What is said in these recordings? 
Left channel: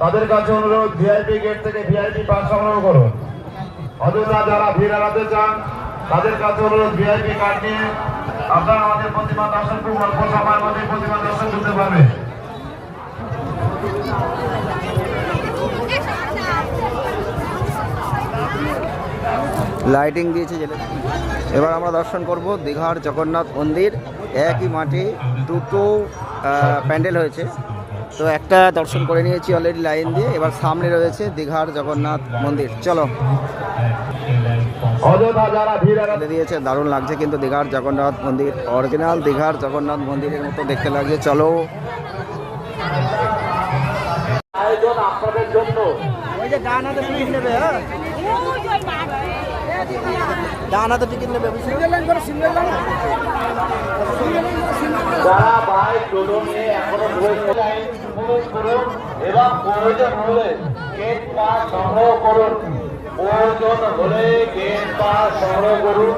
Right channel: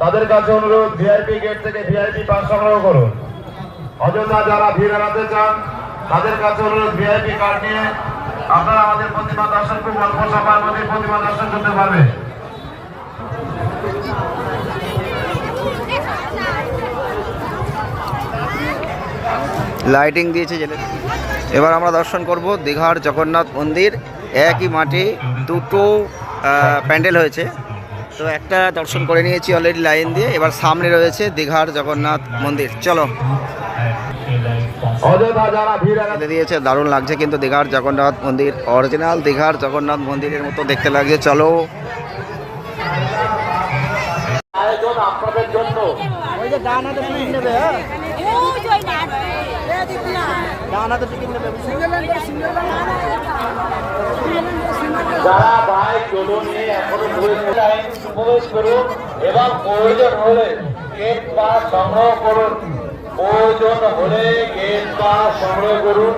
তাদের কাছে অনুরোধ ভিআইপি গেট থেকে ভিআইপি পাস সংগ্রহ করুন। অযথা যারা ভিড় এড়াতে চান, তাদের কাছে অনুরোধ ভিআইপি কার্ড নিয়ে আপনারা আমাদের প্রতিমা দর্শন খুব অল্প সময়ের মধ্যে প্রতিমা দর্শন করতে পারবেন। লাইটিং দিয়েছে জেলে। এবার আমরা দর্শন করব দীঘার জগন্নাথ মন্দির। একই মাঠে দুটো প্যান্ডেল হয়েছে। তো একটা দর্শন করে নিয়েছি অলরেডি লাইন দিয়ে। এবার সামনে রয়েছে দীঘার জগন্নাথ মন্দির। চলো। দিয়েছে, দারুণ লাগছে কিন্তু দীঘার জগন্নাথ মন্দির। অরিজিনাল দীঘার জগন্নাথ মন্দিরের মতো দেখতে লাগছে। চলো। হ্যাঁ? সিঙ্গেল করে সিঙ্গেল নিয়ে এখনও প্রবেশ করেন, প্রবেশ করুন এবং প্রয়োজন হলে গেট পাস সংগ্রহ করুন প্রয়োজন হলে গেট পাস সংগ্রহ করুন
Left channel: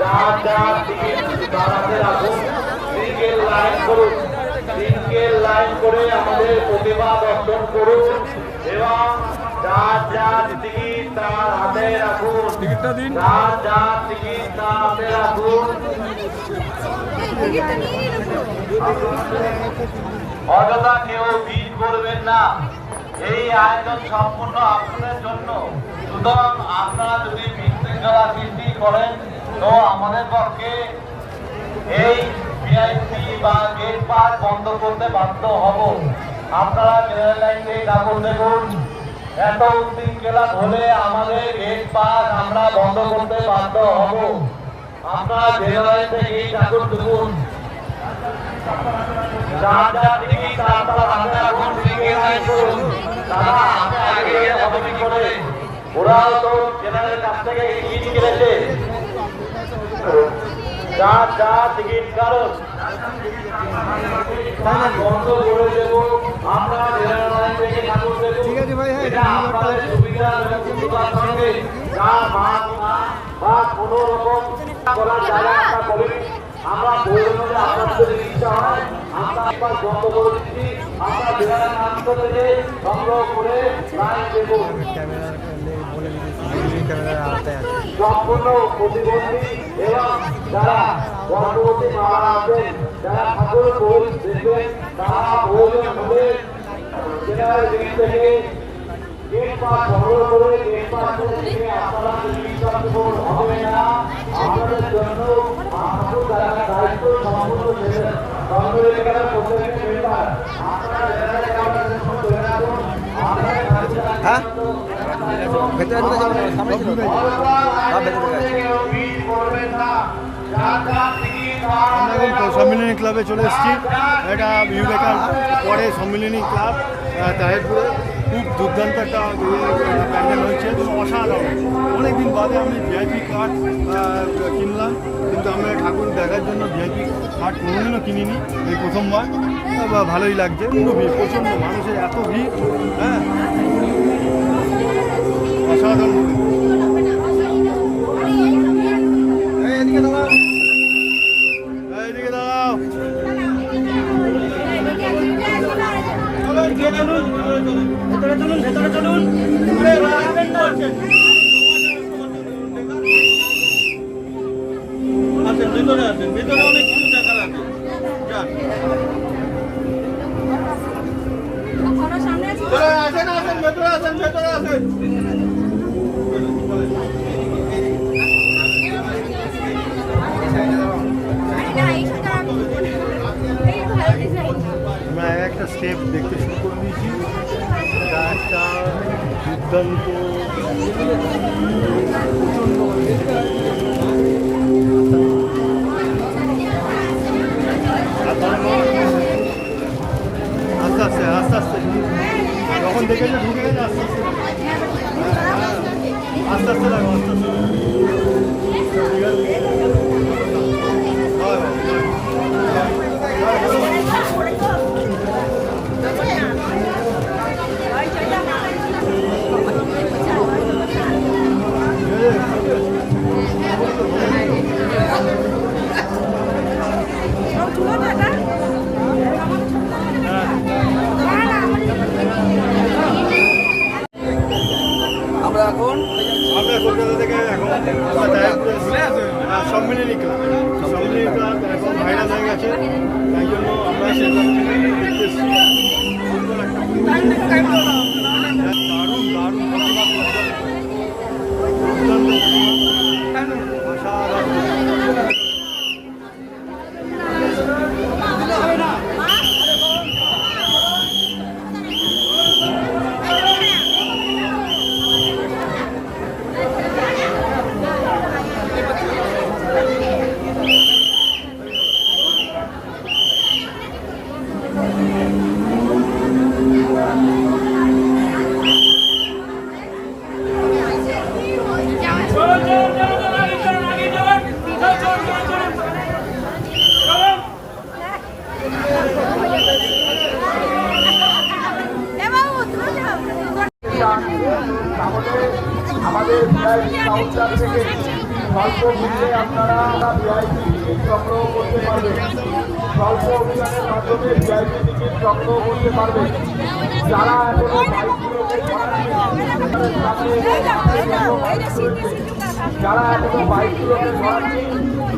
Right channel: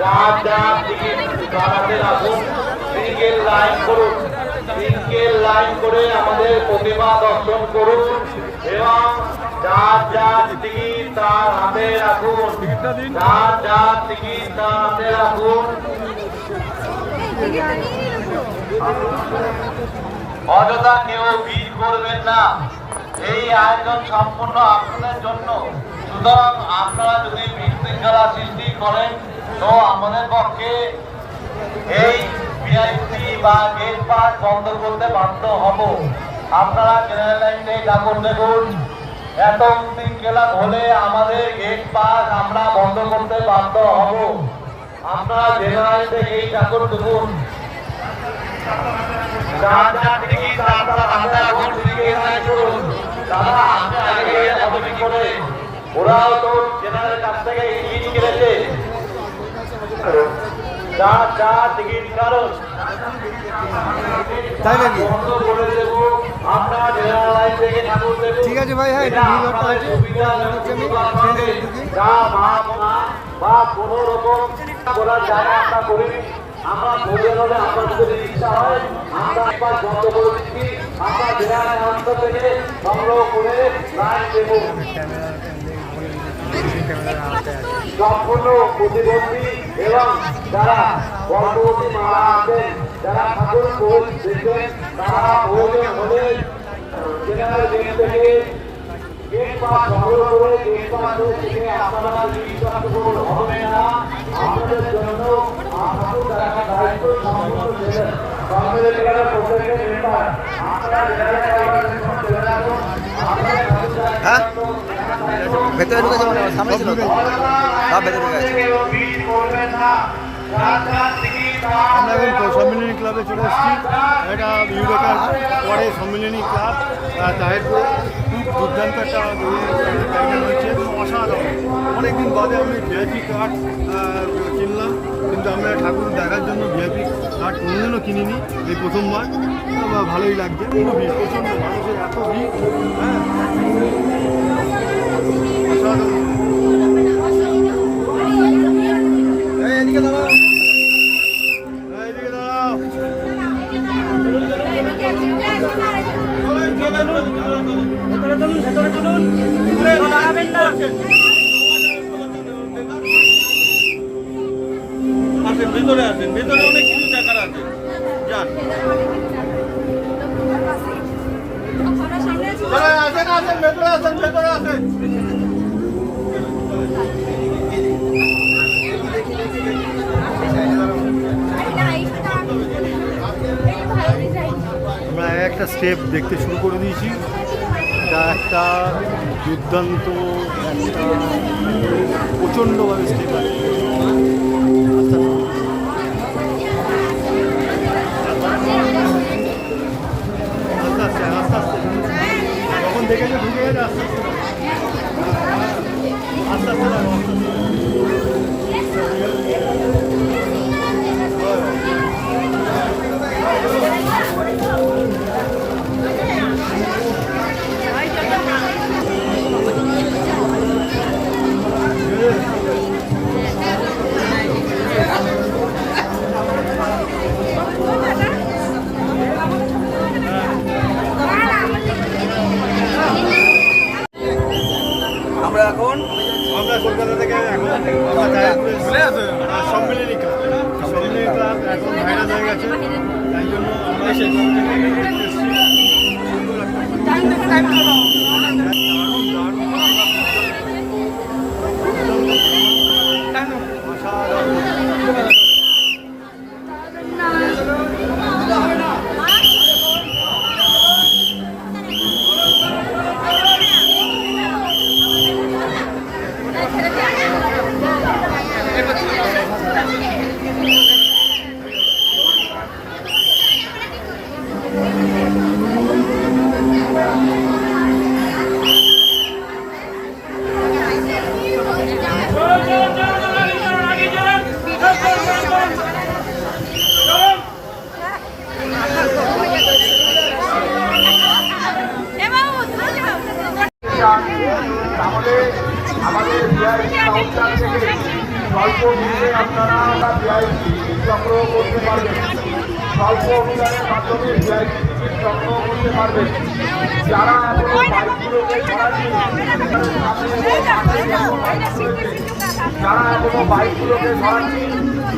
যার যার টিকিট দাঁড়াতে রাখুন সিঙ্গেল লাইন করুন সিঙ্গেল লাইন করে আমাদের প্রতিমা দর্শন করুন এবং যার যার টিকিট তার হাতে রাখুন যার যার টিকিট তার হাতে রাখুন অযথা কেউ ভিড় করবেন না। এই আয়োজন সম্পূর্ণ আপনাদের জন্য। সুতরাং আপনারা যদি বিশৃঙ্খলা সৃষ্টি করেন, তো আমাদের পক্ষে এই ভিআইপি বা গেট পাস বন্ধ করতে বাধ্য হব। আপনারা জেনারেল লাইন ঠাকুর দেখুন। এত উশৃঙ্খলা হলে আমাদের গেট পাস আমরা বন্ধ করতে বাধ্য হব। জেনারেল লাইন থেকে ঠাকুর দেখুন ওরাও তো জেনারেল কাছ থেকে টিকিট কিনেছে যার যার টিকিট কারণ দেবো। আমরা ঠিক আছে ভাই, হ্যাঁ, এবং যারা গর্ভবতী ঠাকুর তারা প্রয়োজন হ্যাঁ? ভেতরে ঢুকে যাব সামনে ছিল সব ভেতরে ঢুকে গেছে। আমরা এখন সম্মিলনী ক্লাবে চলে এসেছি। এটা বিবেকার পরে সম্মিলনী ক্লাব তাহিরপুরে। খুব দুর্দান্ত একটা হচ্ছে এবং অসাধারণ। অনেকদিন বাদে আমি ভিআইপি কার্ড কিনলাম, কিন্তু আমরা ঠাকুর দেখার জন্য ভিআইপি কার্ড কোনোদিনও কিনিনি। এই প্রথমবার। ভালোই লাগছে। প্রচণ্ড মানুষের এত ভিড়। স্টেপ দেখতে শুরু করে দিয়েছি। এটা একটা দুর্দান্ত, প্রচণ্ড আস্তে আস্তে আস্তে আস্তে। যখন দেখেছে ঢুকে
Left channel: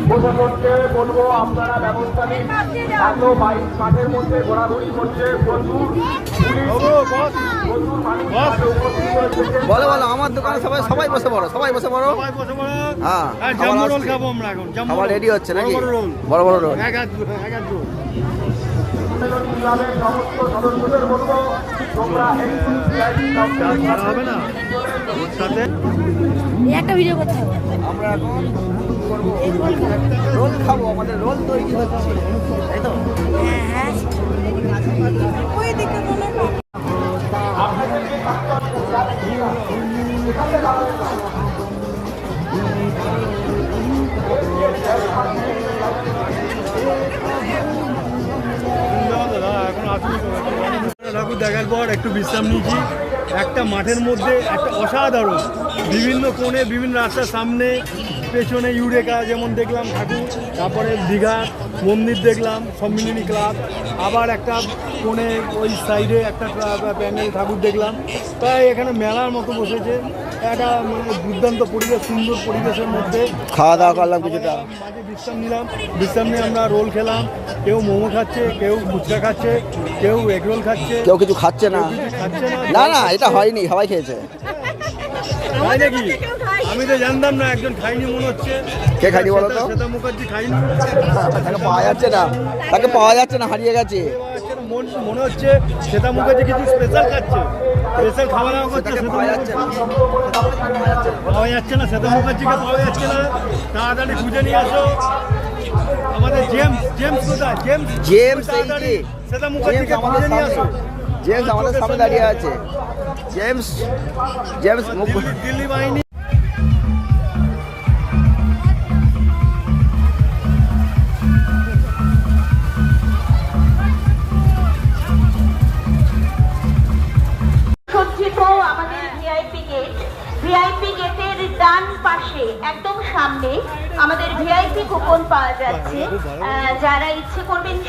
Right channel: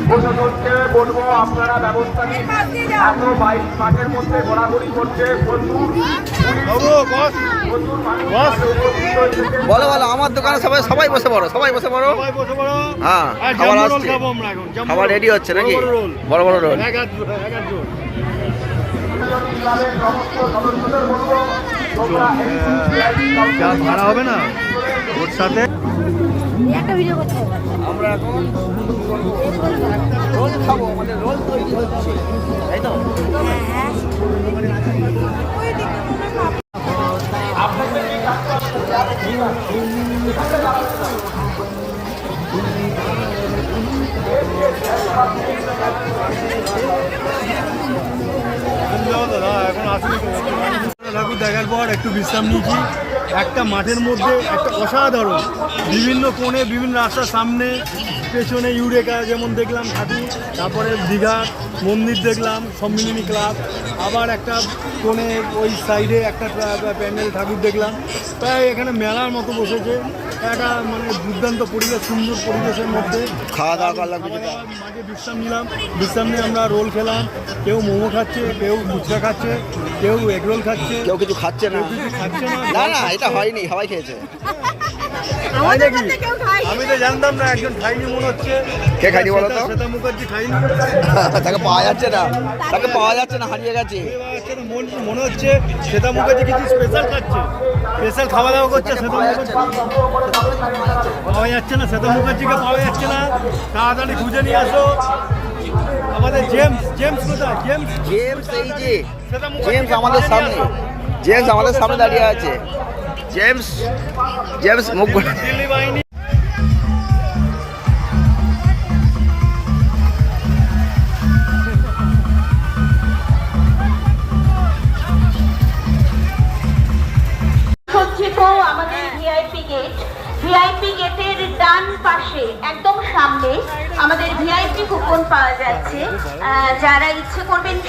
প্রশাসনকে বলব আপনারা ব্যবস্থা নিন। এত বাইক মাঠের মধ্যে ঘোরাঘুরি করছে প্রচুর বাবু, বস। প্রচুর মানুষ মাঠে উপস্থিত হয়েছে বলো বলো আমার দোকানে সবাই সবাই বসে পড়ো সবাই বসে পড়ো। সবাই হ্যাঁ, খাবার আসছে। খাব আমরা এখন, জাম্বো খাবার রেডি হচ্ছে নাকি? বড় বড় রোল। বড় বড় রোল। এক হাত এক হাত জোর। যা ভাড়া হবে না? সাথে। একটা ভিডিও করতে হবে। আমরা এখন করব। রোল খাব আমাদের রোল তৈরি হচ্ছে। তাই তো? হ্যাঁ হ্যাঁ। ঠাকুর দেখার পর একটু বিশ্রাম নিয়েছি। একটা মাঠের মধ্যে একটা অসাধারণ। বিভিন্ন কোণে, বিভিন্ন রাস্তার সামনে, পেছনে ইউরেকা যেমন দেখলাম, ঠাকুর, তারপরে দীঘা, মন্দির দেখলাম, সম্মিলনী ক্লাব, আবার একটা কোণে ওই সাইডে একটা প্যান্ডেল ঠাকুর দেখলাম। তাই এখানে মেলার মতো বসেছে। একটা মানে দুর্দান্ত পরিবেশ সুন্দর পরিবেশের মধ্যে। খাওয়া দাওয়া করলাম কিছুটা। মাঝে বিশ্রাম নিলাম। বিশ্রাম নিয়ে আমরা রোল খেলাম। কেউ মোমো খাচ্ছে কেউ ফুচকা খাচ্ছে কেউ এগ রোল খাচ্ছে। কেউ কিছু খাচ্ছে না। না। না এটা হয়নি সবাই খেয়েছে। আমি তো জানতাম না একজন খাইনি মনে হচ্ছে। কে খায়নি বলো তো? শ্বেতা- শ্বেতা মুখার্জি খাইনি। তাকে পাওয়া যাচ্ছে না। তাকে পাওয়া যাচ্ছে না হারিয়ে গেছে। মনে হচ্ছে শ্বেতা মুখার্জি কিছু স্পেশাল খাচ্ছে। স্পেশাল খাওয়া দাওয়া করছে পাওয়া যাচ্ছে না। সেতু মুখার্জিকে পাওয়া যাচ্ছে না। তাড়াতাড়ি খুঁজে নিয়ে আসো। আমাদের জেমস জেমস কোথায়? জেমস? জেমস এই যে জেমস আমাদের সামনে। জেমস আমাদের সামনে দাঁড়িয়ে আছে। জেমস জেমস মুখ দিল্লি বাহিনী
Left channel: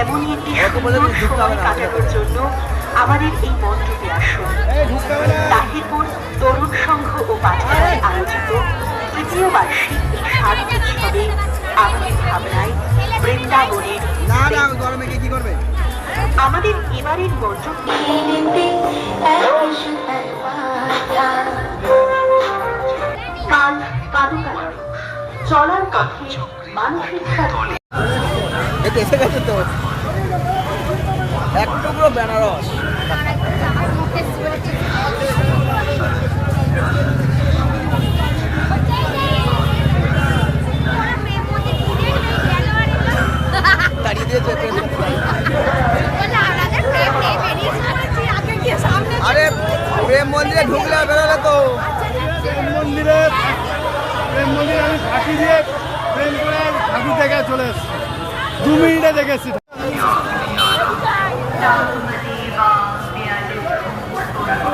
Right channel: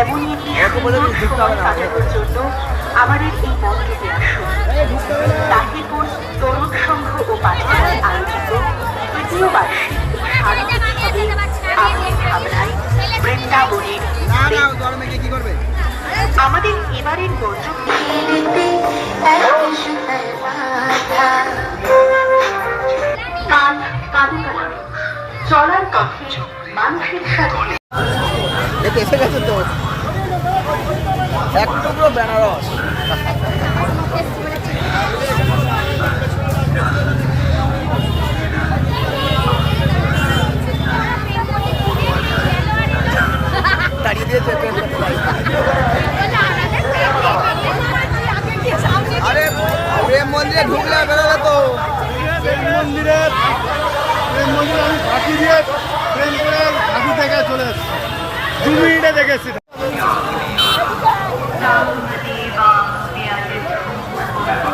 একটি অত বলে তুমি ঢুকতে হবে না আমার কাটানোর জন্য আমাদের এই মন্দিরে আসুন। তাহিরপুর তরুণ সংঘ মানুষের সাথে গেছে তো। এক টুকরো বেনারস তাড়িয়ে দিয়েছে ট্রেন করতে পারি আরে প্রেম মন্দিরে ঢুকলে আর বেরোলে তো প্রেম মন্দিরে প্রেম মন্দিরে আমি ফাঁকি দিয়ে প্রেম করে ঠাকুর দেখা চলে এসেছি। দু মিনিটে দেখেছি।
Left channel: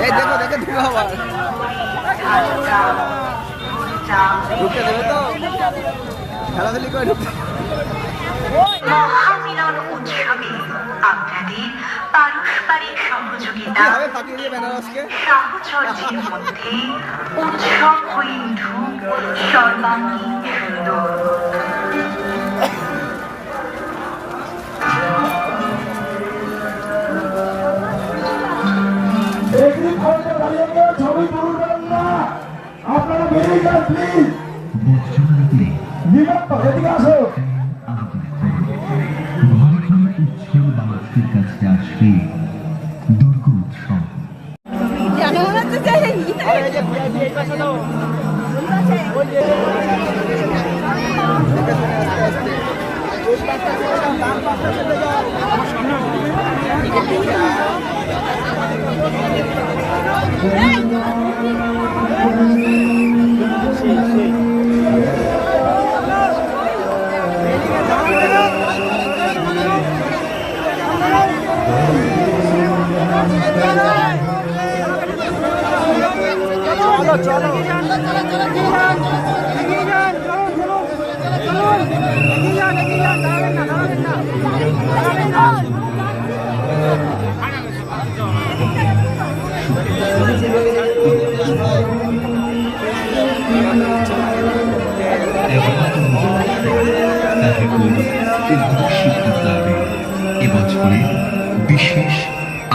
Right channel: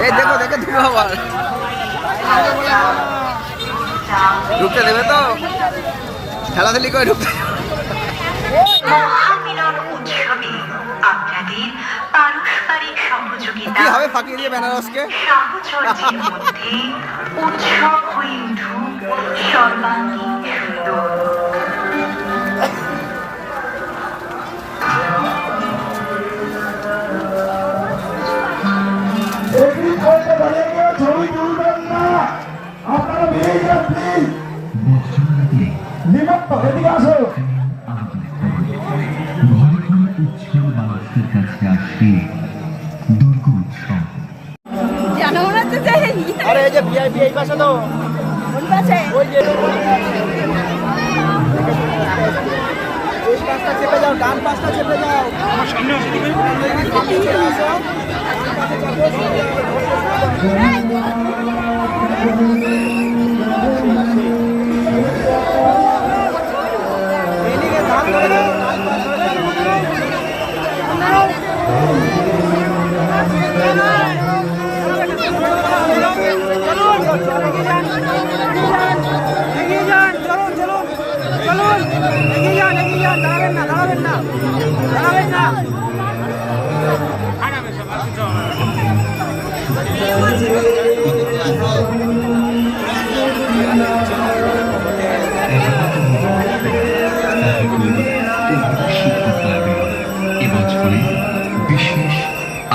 এই দেখো দেখো ঢুকো আবার ঢুকতে দেবে তো? খেলাধুলি করে ঢুকতে উৎসবে আপনাদের পারস্পরিক সহযোগিতা সাহচর্যের মধ্যে উৎসব হয়ে উঠুক সর্বাঙ্গীন সুন্দর। Hey!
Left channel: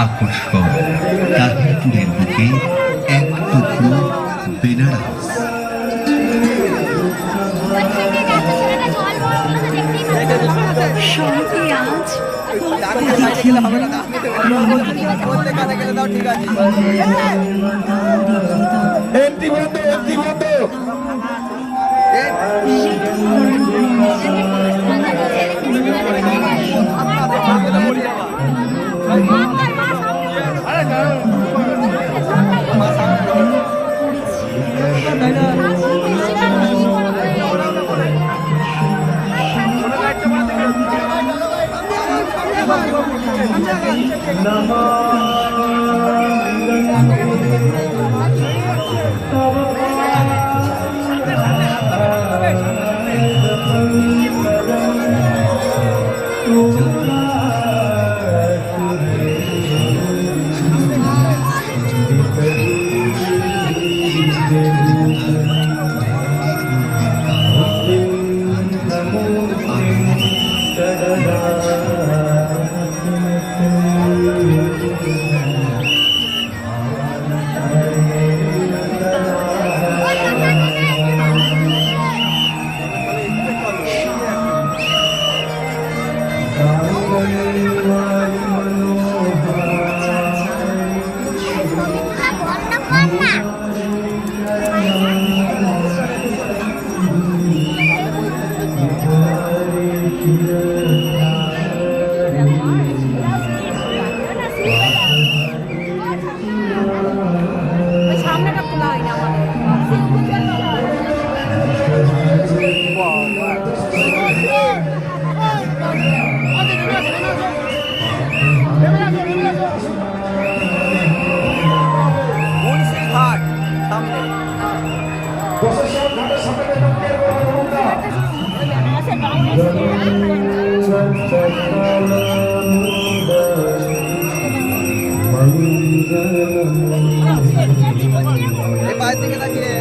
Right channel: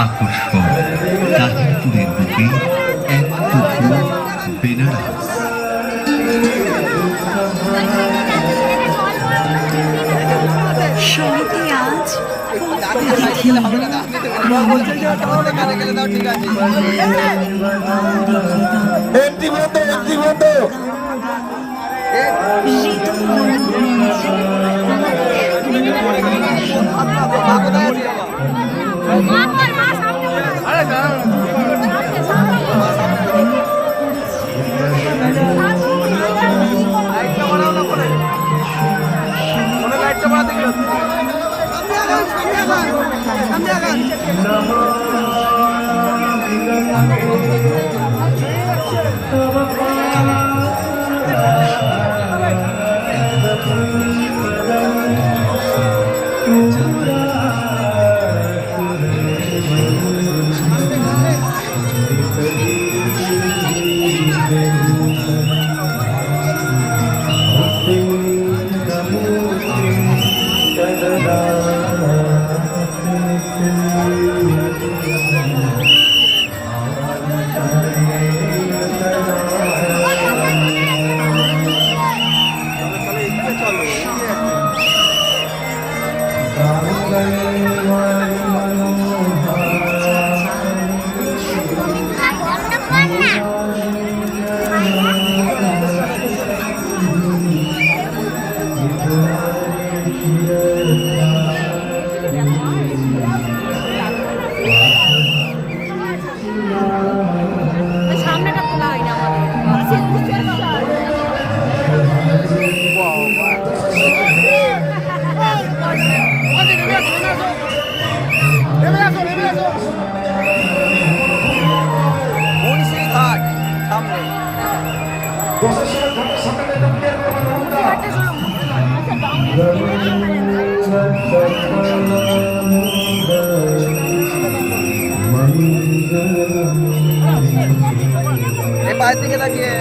আকর্ষণ। তাহিরপুরের বুকে এক টুকরো বেনারস। ডানে সাইডে গেলে হবে না এই পায়ের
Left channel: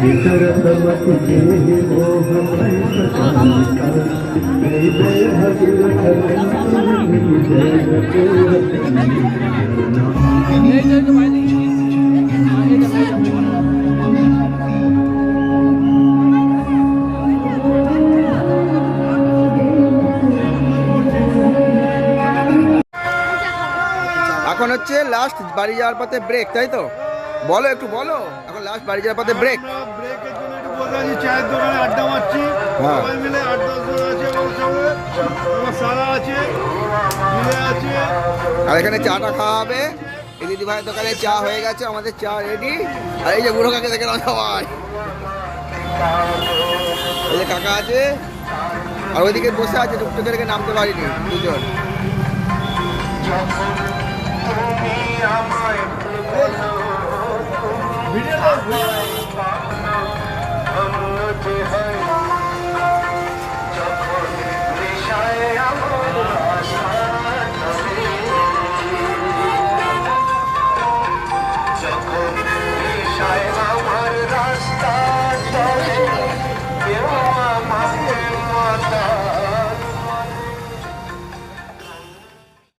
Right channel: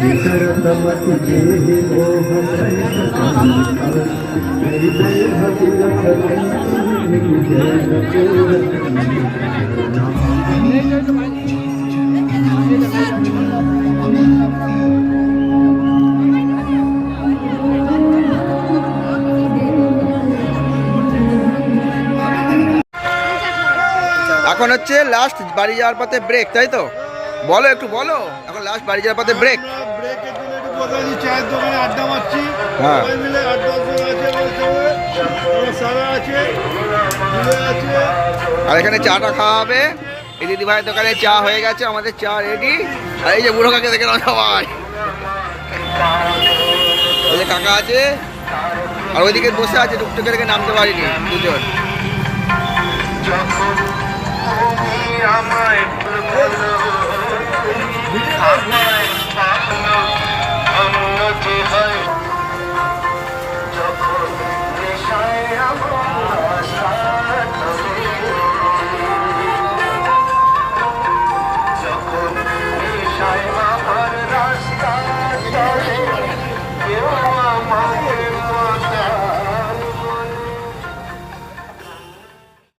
वितरत मतु मोह जय भगीरथ এখন হচ্ছে লাস্ট বাড়ি যাওয়ার পথে ব্রেক তাই তো বলো একটু বলো এখন লাস্ট বাড়ি যাওয়ার পথে ব্রেক আমরা ব্রেকের চায়ের দোকানে আড্ডা মারছি। হ্যাঁ। সবাই মিলে দশ আছে আমার সঙ্গে। আমার সারা আছে আছে। আর এখানে চাটা খাওয়া হবে। এই দিদি ভাইয়ের দোকানে চা হয়ে গেছে আমাদের চা রেডি আর এই যে বুড়ো কাকে দেখে নাও সবাই এই যে কাকা আছে। আর ওইদিকে বসে আছে টুকটুকে দেখে নামতে পারিনি দুজন। আমায় Hey, hey.